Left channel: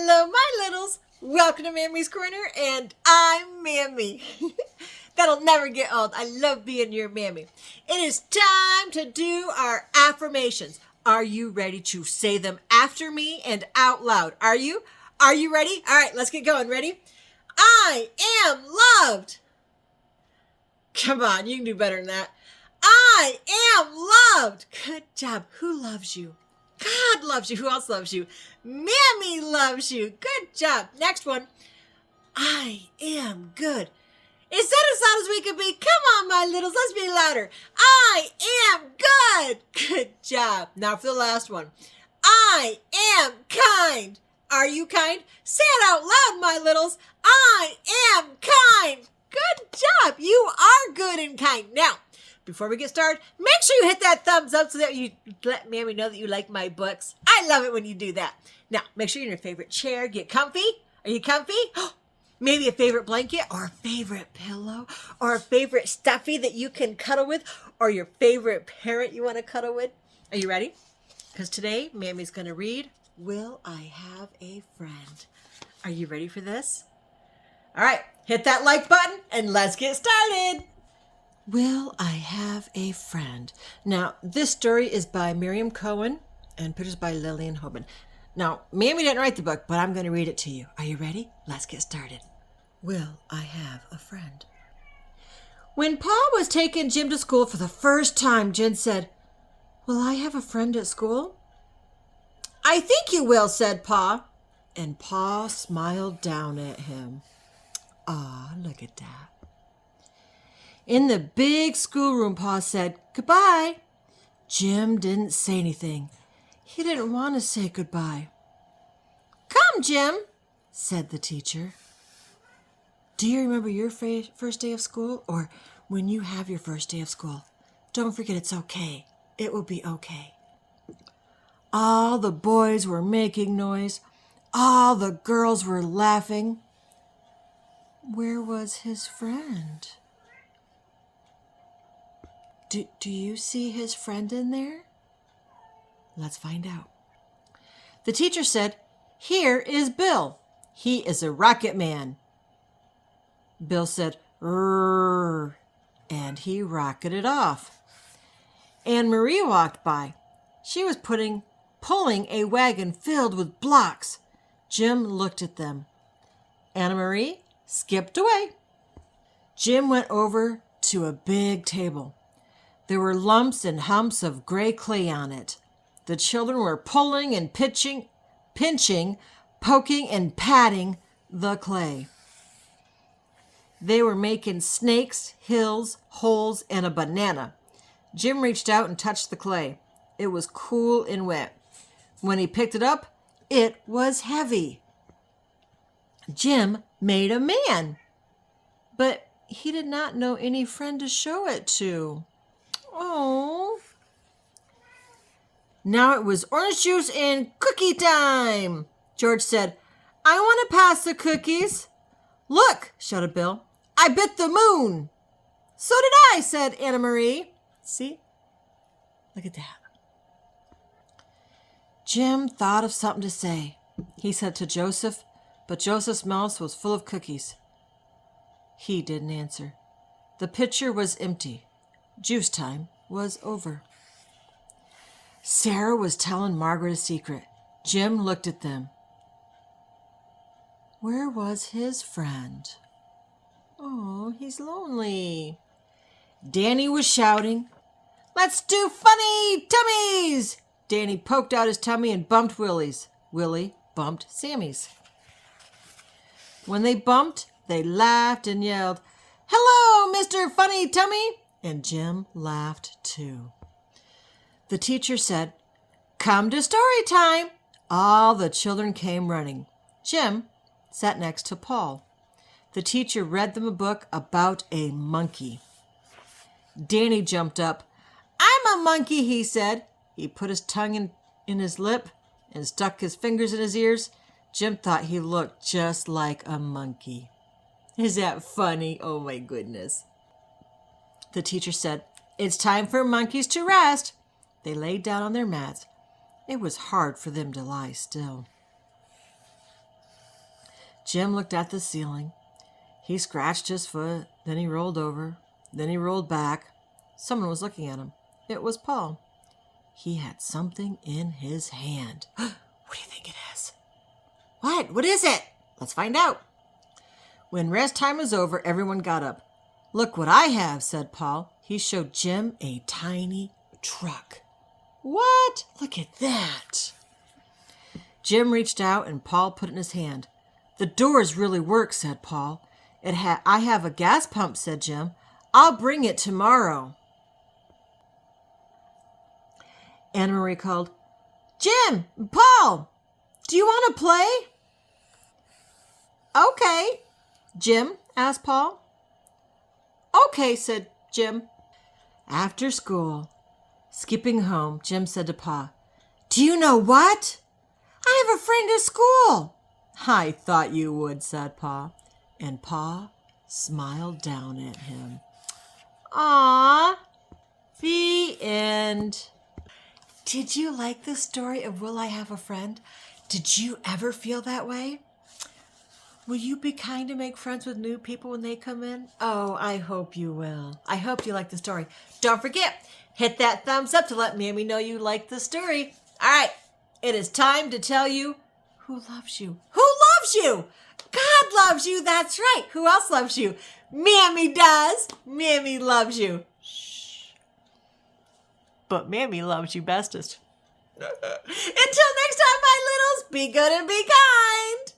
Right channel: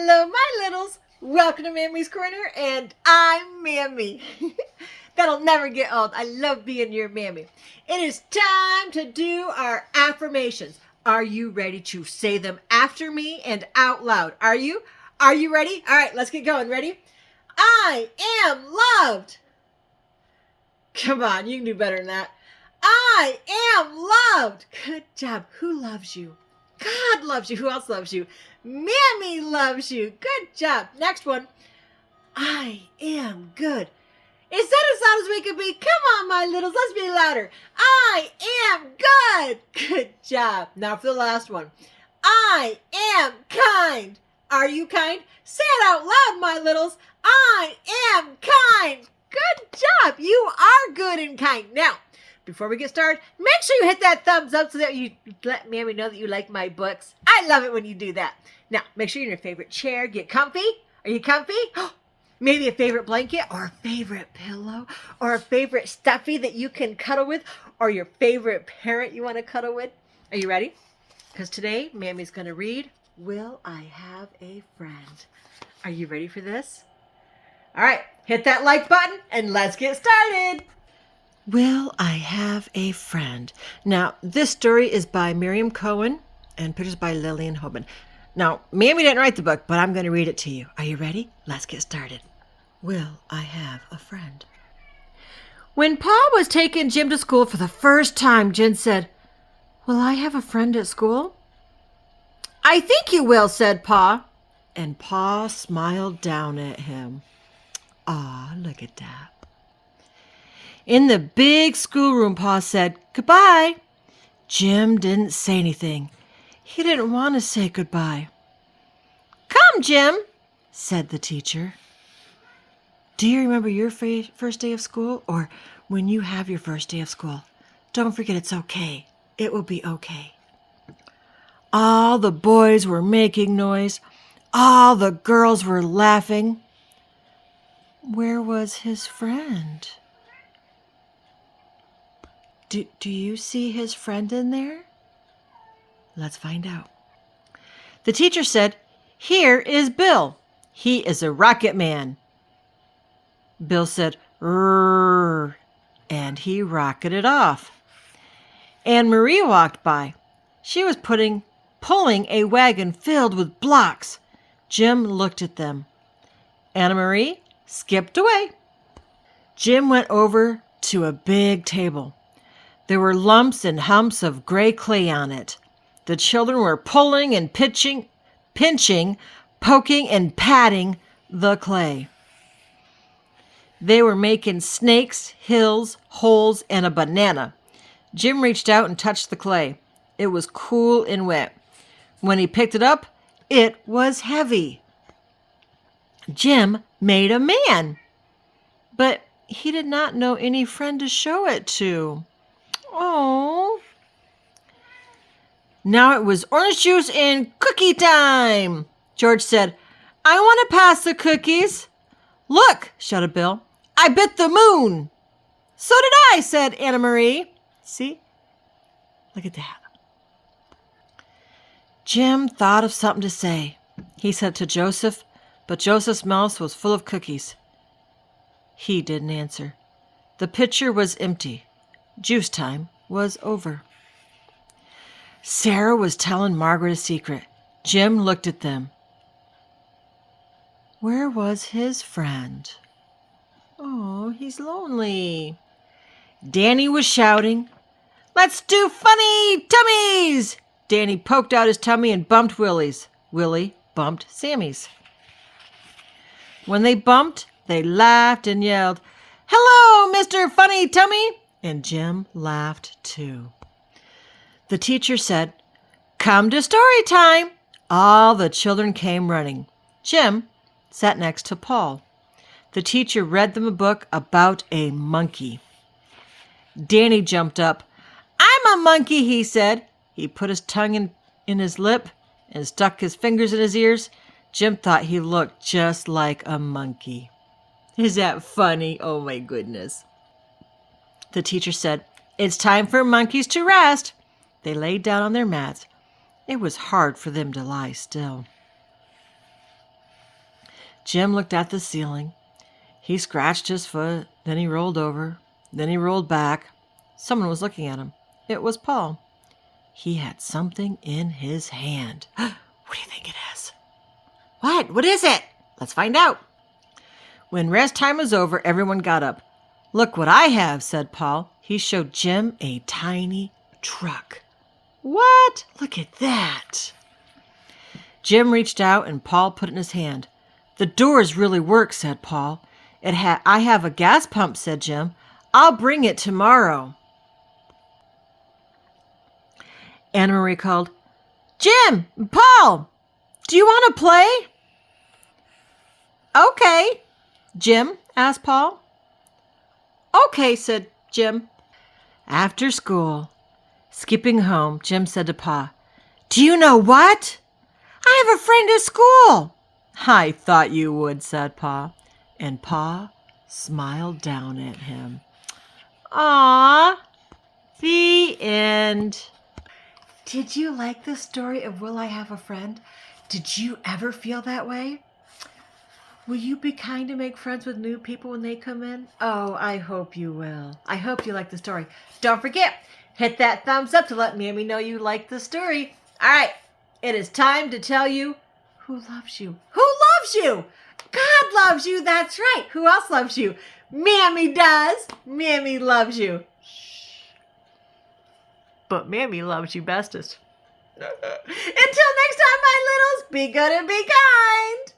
Hello, my littles. Welcome to Mammy's Corner, and I'm Mammy. That'll never get old. I love being your Mammy. It is time to do our affirmations. Are you ready to say them after me and out loud? Are you? Are you ready? All right, let's get going. Ready? I am loved. Come on, you can do better than that. I am loved. Good job. Who loves you? God loves you. Who else loves you? Mammy loves you. Good job. Next one. I am good. Is that as loud as we can be? Come on, my littles. Let's be louder. I am good. Good job. Now for the last one. I am kind. Are you kind? Say it out loud, my littles. I am kind. Good job. You are good and kind. Now, before we get started, make sure you hit that thumbs up so that you let Mammy know that you like my books. I love it when you do that. Now, make sure you're in your favorite chair. Get comfy. Are you comfy? Maybe a favorite blanket or a favorite pillow or a favorite stuffy that you can cuddle with or your favorite parrot you want to cuddle with. Are you ready? Because today, Mammy's going to read, Will I Have a Friend? Are you ready for this? All right, hit that like button and let's get started. Will I Have a Friend? Now, this story is by Miriam Cohen and pictures by Lillian Hoban. Now, Mammy didn't write the book, but I'm going to read it to you. Are you ready? Let's get started. Will I have a friend? When Pa was taking Jim to school for the first time, Jen said, Will I have a friend at school? I think you will, said Pa. And Pa smiled down at him. Aw, look at that. In the big schoolroom, Pa said, Goodbye. Jim didn't say anything. He didn't want to say goodbye. Come, Jim, said the teacher. Do you remember your first day of school? Or when you have your first day of school? Don't forget it's okay. It will be okay. All the boys were making noise. All the girls were laughing. Where was his friend? Do you see his friend in there? Let's find out. The teacher said, Here is Bill. He is a rocket man. Bill said, Rrrr, and he rocketed off. Anne Marie walked by. She was pulling a wagon filled with blocks. Jim looked at them. Anna Marie skipped away. Jim went over to a big table. There were lumps and humps of gray clay on it. The children were pulling and pinching, poking and patting the clay. They were making snakes, hills, holes, and a banana. Jim reached out and touched the clay. It was cool and wet. When he picked it up, it was heavy. Jim made a man, but he did not know any friend to show it to. Oh. Now it was orange juice and cookie time. George said, I want to pass the cookies. Look, shouted Bill. I bit the moon. So did I, said Anna Marie. See? Look at that. Jim thought of something to say. He said to Joseph, but Joseph's mouth was full of cookies. He didn't answer. The pitcher was empty. Juice time was over. Sarah was telling Margaret a secret. Jim looked at them. Where was his friend? Oh, he's lonely. Danny was shouting, Let's do funny tummies! Danny poked out his tummy and bumped Willie's. Willie bumped Sammy's. When they bumped, they laughed and yelled, Hello, Mr. Funny Tummy! And Jim laughed too. The teacher said, Come to story time. All the children came running. Jim sat next to Paul. The teacher read them a book about a monkey. Danny jumped up. I'm a monkey, he said. He put his tongue in his lip and stuck his fingers in his ears. Jim thought he looked just like a monkey. Is that funny? Oh my goodness. The teacher said, It's time for monkeys to rest. They laid down on their mats. It was hard for them to lie still. Jim looked at the ceiling. He scratched his foot, then he rolled over, then he rolled back. Someone was looking at him. It was Paul. He had something in his hand. What do you think it is? What? What is it? Let's find out. When rest time was over, everyone got up. Look what I have, said Paul. He showed Jim a tiny truck. What? Look at that. Jim reached out and Paul put it in his hand. The doors really work, said Paul. I have a gas pump, said Jim. I'll bring it tomorrow. Anna Marie called, Jim, Paul, do you want to play? Okay. Jim, asked Paul. Okay, said Jim. After school, skipping home, Jim said to Pa, do you know what? I have a friend at school. I thought you would, said Pa. And Pa smiled down at him. Aww. The end. Did you like the story of Will I Have a Friend? Did you ever feel that way? Will you be kind to make friends with new people when they come in? Oh, I hope you will. I hope you like the story. Don't forget, hit that thumbs up to let Mammy know you like the story. All right, it is time to tell you who loves you. Who loves you? God loves you, that's right. Who else loves you? Mammy does. Mammy loves you. Shh. But Mammy loves you bestest. Until next time, my littles, be good and be kind.